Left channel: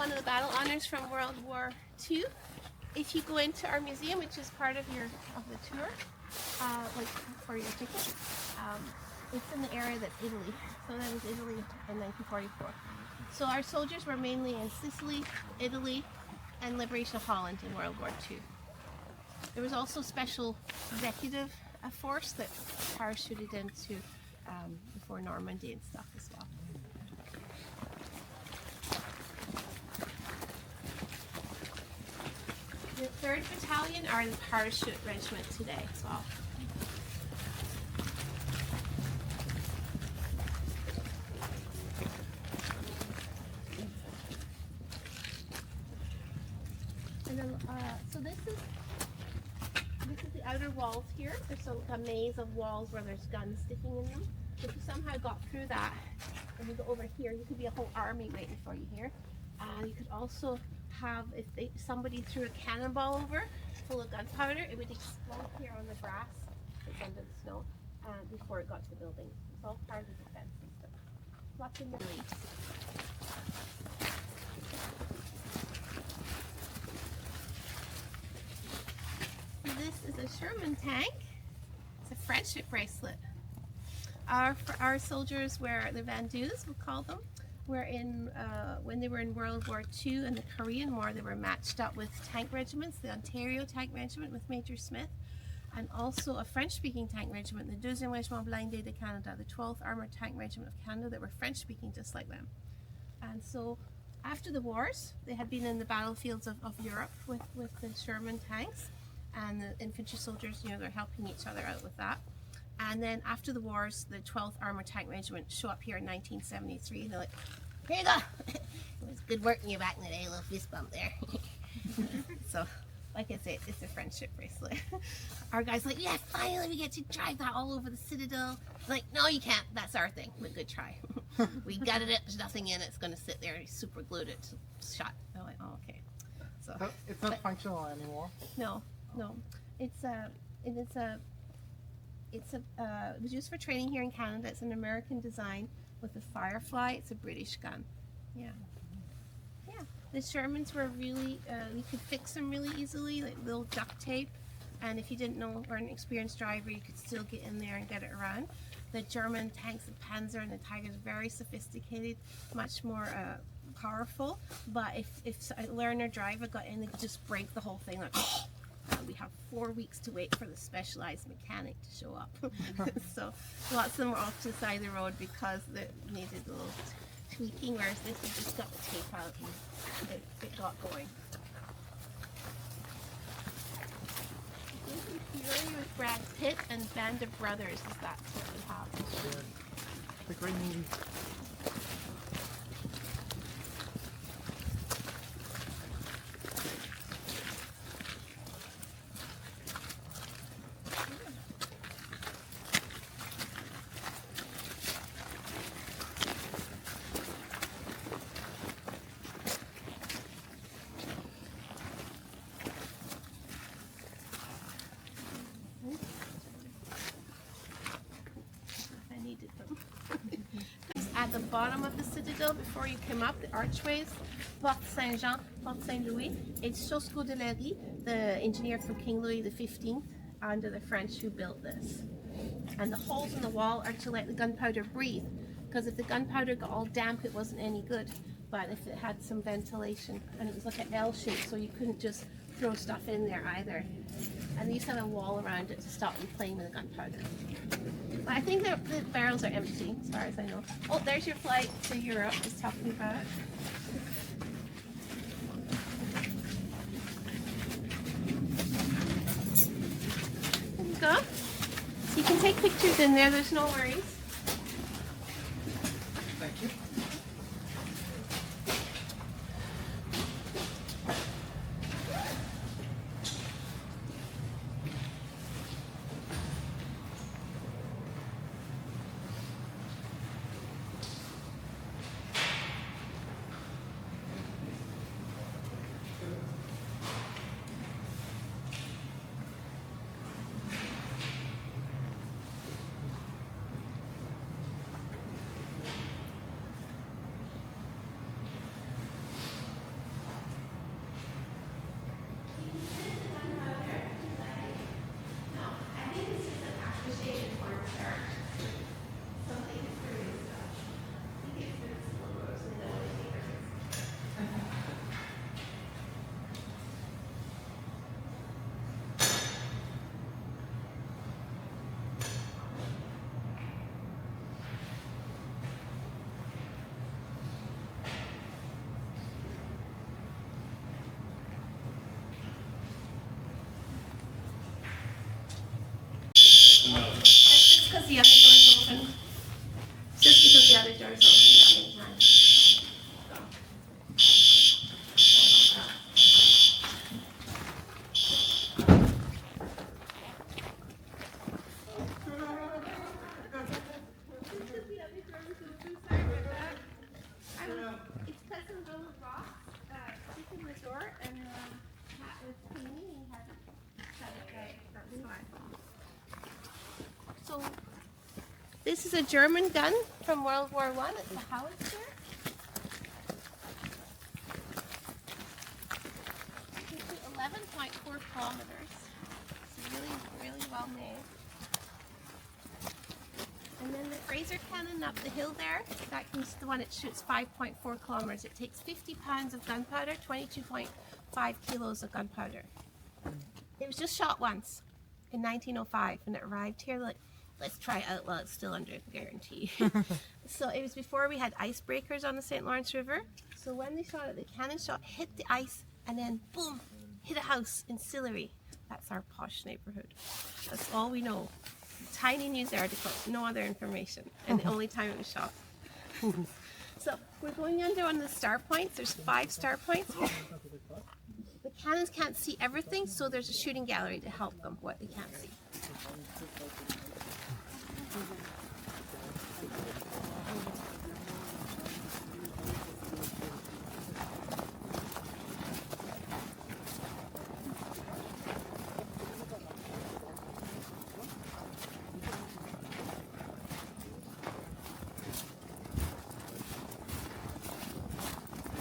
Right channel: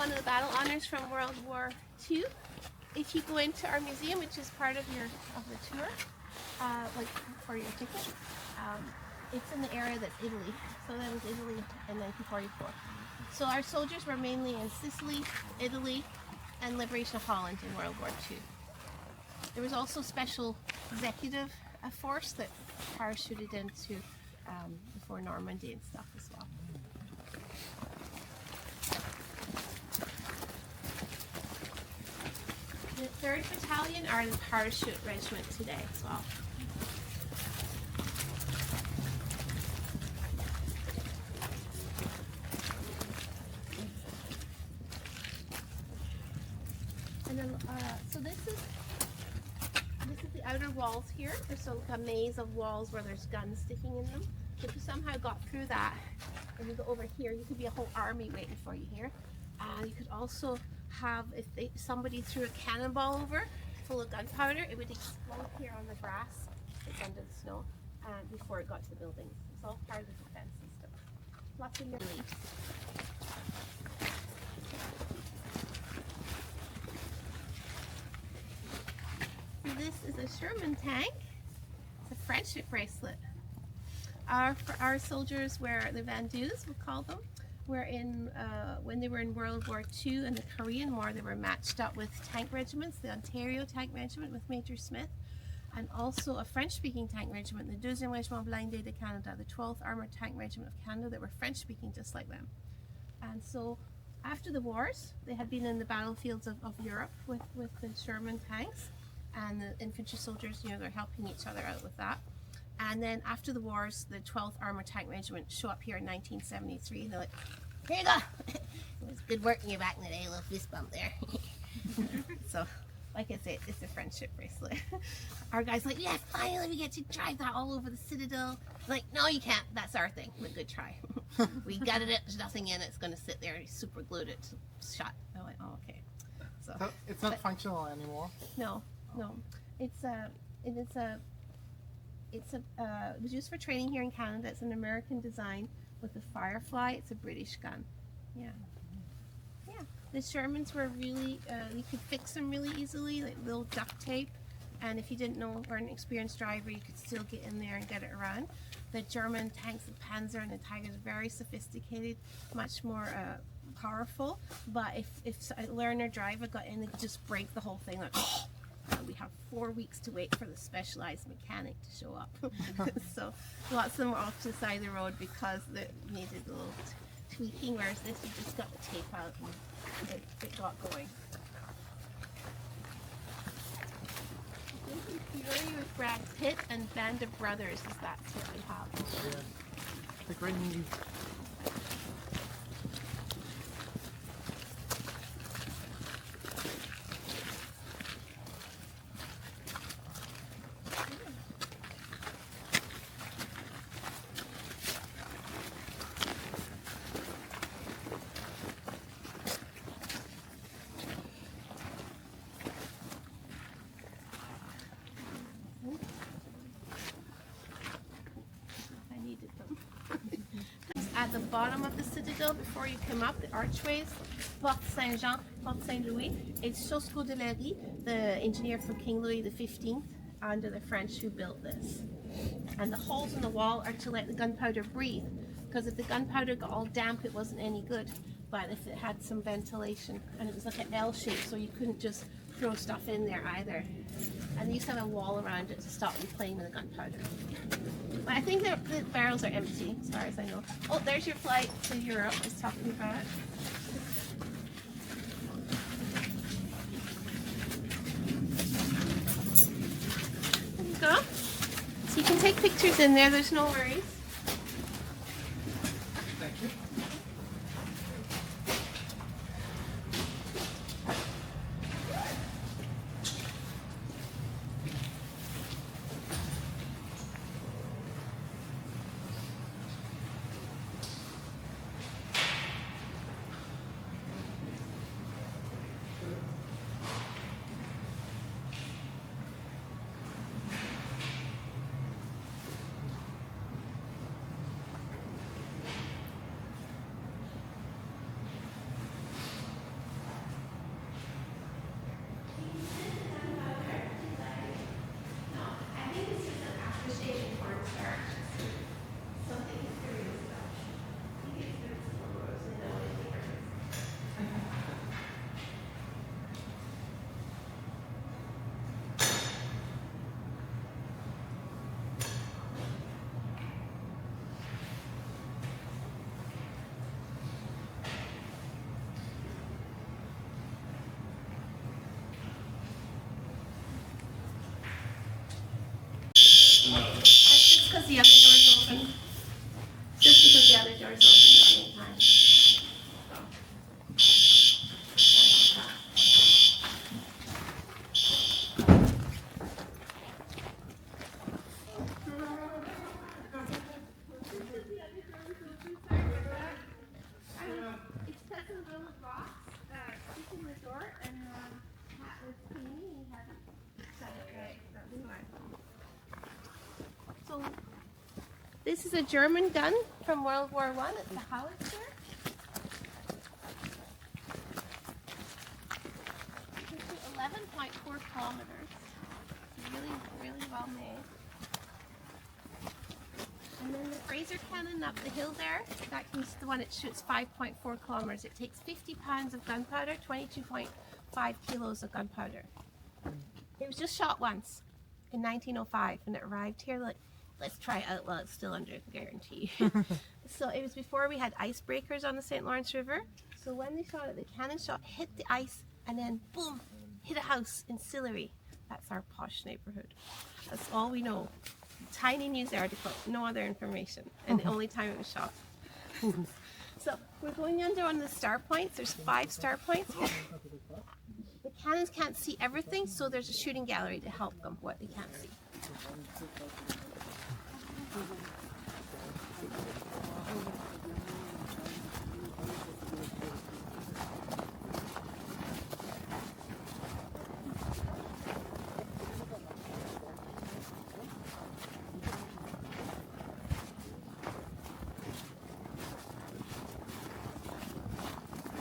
one of the battle honors from World War II. If you go into our museum, which is part of the tour, like for your ticket, it's in the area that's Italy. So that was Italy in 1944. So our soldiers were mainly in Sicily, Italy, and Liberation of Holland in World War II. There was also special executive force that parachuted into before Normandy and stuff as well. The 3rd Battalion are the parachute regiment today as well. And then, so this is the outer walls here. There's a maze of walls where there's guns sticking in them. So if you somehow got through that, and you go over here, you could be a whole army waiting for you here. You could also have, if somebody threw a cannonball over full of gunpowder, it would explode here on the grass that's under the snow before it got to the building. It's all part of the defense system. Lots of reliefs. This is a Sherman tank. It's a friendship bracelet. Our soldiers were the Vandus, we'll call them. Were in when they were in World War II and the Korean War, they were matched up with tank regiments, the Ontario Tank Regiment with Major Smith, and also a French-speaking tank regiment, the 2e Régiment Blindé de Canada, the 12th Armoured Tank Regiment of Canada, that were French-speaking just like them. And so after the wars, they had been in the battlefields of Europe with the Sherman tanks, and the infantry soldiers, you know, they're helping each other out with that. And then after the wars, the 12th Armoured Tank Regiment show up here in 1973. They're like, here you go. It was good working you back in the day, a little fist bump there. So, like I say, it's a friendship bracelet. Our guy's like, yeah, finally we get to drive that all over the Citadel. Like, no, you can't. That's our thing. But good try. We gutted it. There's nothing in it. It's going to sit there. He super glued it shut. I'm like, oh, okay. So it's not functional anymore. No. It was used for training here in Canada. It's an American design with the Firefly. It's a British gun. Yeah. The Shermans were really, you could fix them really easily, like little duct tape. And if you didn't know or an experienced driver, you could still get in there and get it around. The German tanks, the Panzer and the Tiger, are very sophisticated, much more powerful. But if a learner driver got in, they could just break the whole thing. Like, we have 4 weeks to wait for the specialized mechanic to show up. So lots of them were off to the side of the road because they needed a little tweaking, whereas this, you just got the tape out and it got going. I think in Fury with Brad Pitt and Band of Brothers, that's what we have. The great movie. At the bottom of the Citadel, before you come up, the archways, Porte Saint-Jean, Porte Saint-Louis, it's Chosco de la Rie, the engineer from King Louis XV, under the French who built this. And the holes in the wall are to let the gunpowder breathe, because if the gunpowder got all damp, it wasn't any good. But if it had some ventilation, and it was like an L shape, so you couldn't just throw stuff in there either. And they used to have a wall around it to stop you playing with the gunpowder. But I think the barrels are empty, as far as I know. Oh, there's your flight to Europe, I was talking about. There you go. So you can take pictures in there, there's no worries. Thank you. This is a German gun from World War I. It's a howitzer. It's 11.4 kilometers. It's really well made. And then the Fraser cannon up the hill there, that's the one that shoots 5.4 kilometers. It takes 50 pounds of gunpowder, 22.5 kilos of gunpowder. It was just shot once in 1905 when it arrived here. Like, let's try it out while it's still under guarantee. So it was before we had icebreakers on the St. Lawrence River. So when they shot it, the cannon shot hit the ice and then boom, hit a house in Sillery. That's our posh neighborhood. That's all we know. Tiny news article, no other information, and the only time it was shot. So we're going under one of the star points. There's 5 star points. The cannons can't see everything, so there's a shooting gallery to help them what they can't see.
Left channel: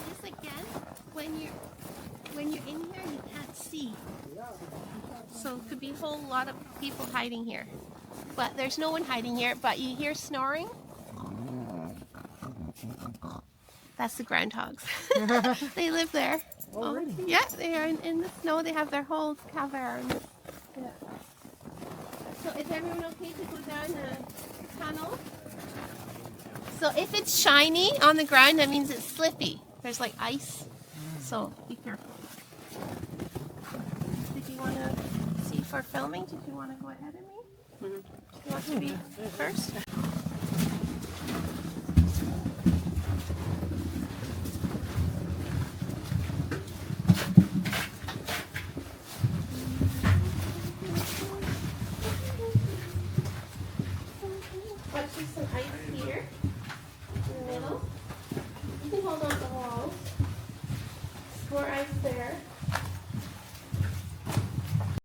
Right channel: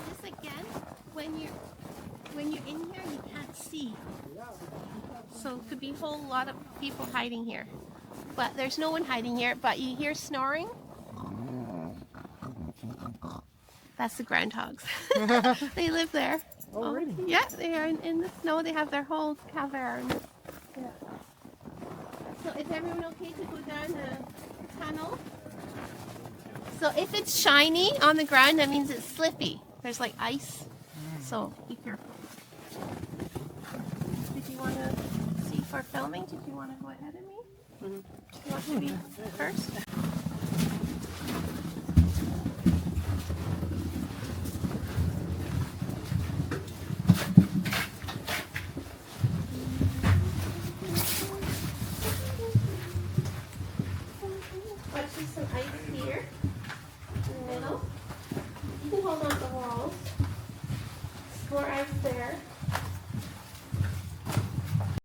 This again, when you're in here, you can't see. So it could be a whole lot of people hiding here. But there's no one hiding here, but you hear snoring. That's the groundhogs. They live there. Oh, really? Yeah, they are in the snow. They have their whole cavern. Yeah. So is everyone okay to go down the tunnel? So if it's shiny on the ground, that means it's slippy. There's like ice. So be careful. Did you want to see for filming? Did you want to go ahead of me? Do you want to be first? Watch there's some ice here in the middle. You can hold on to the walls. More ice there.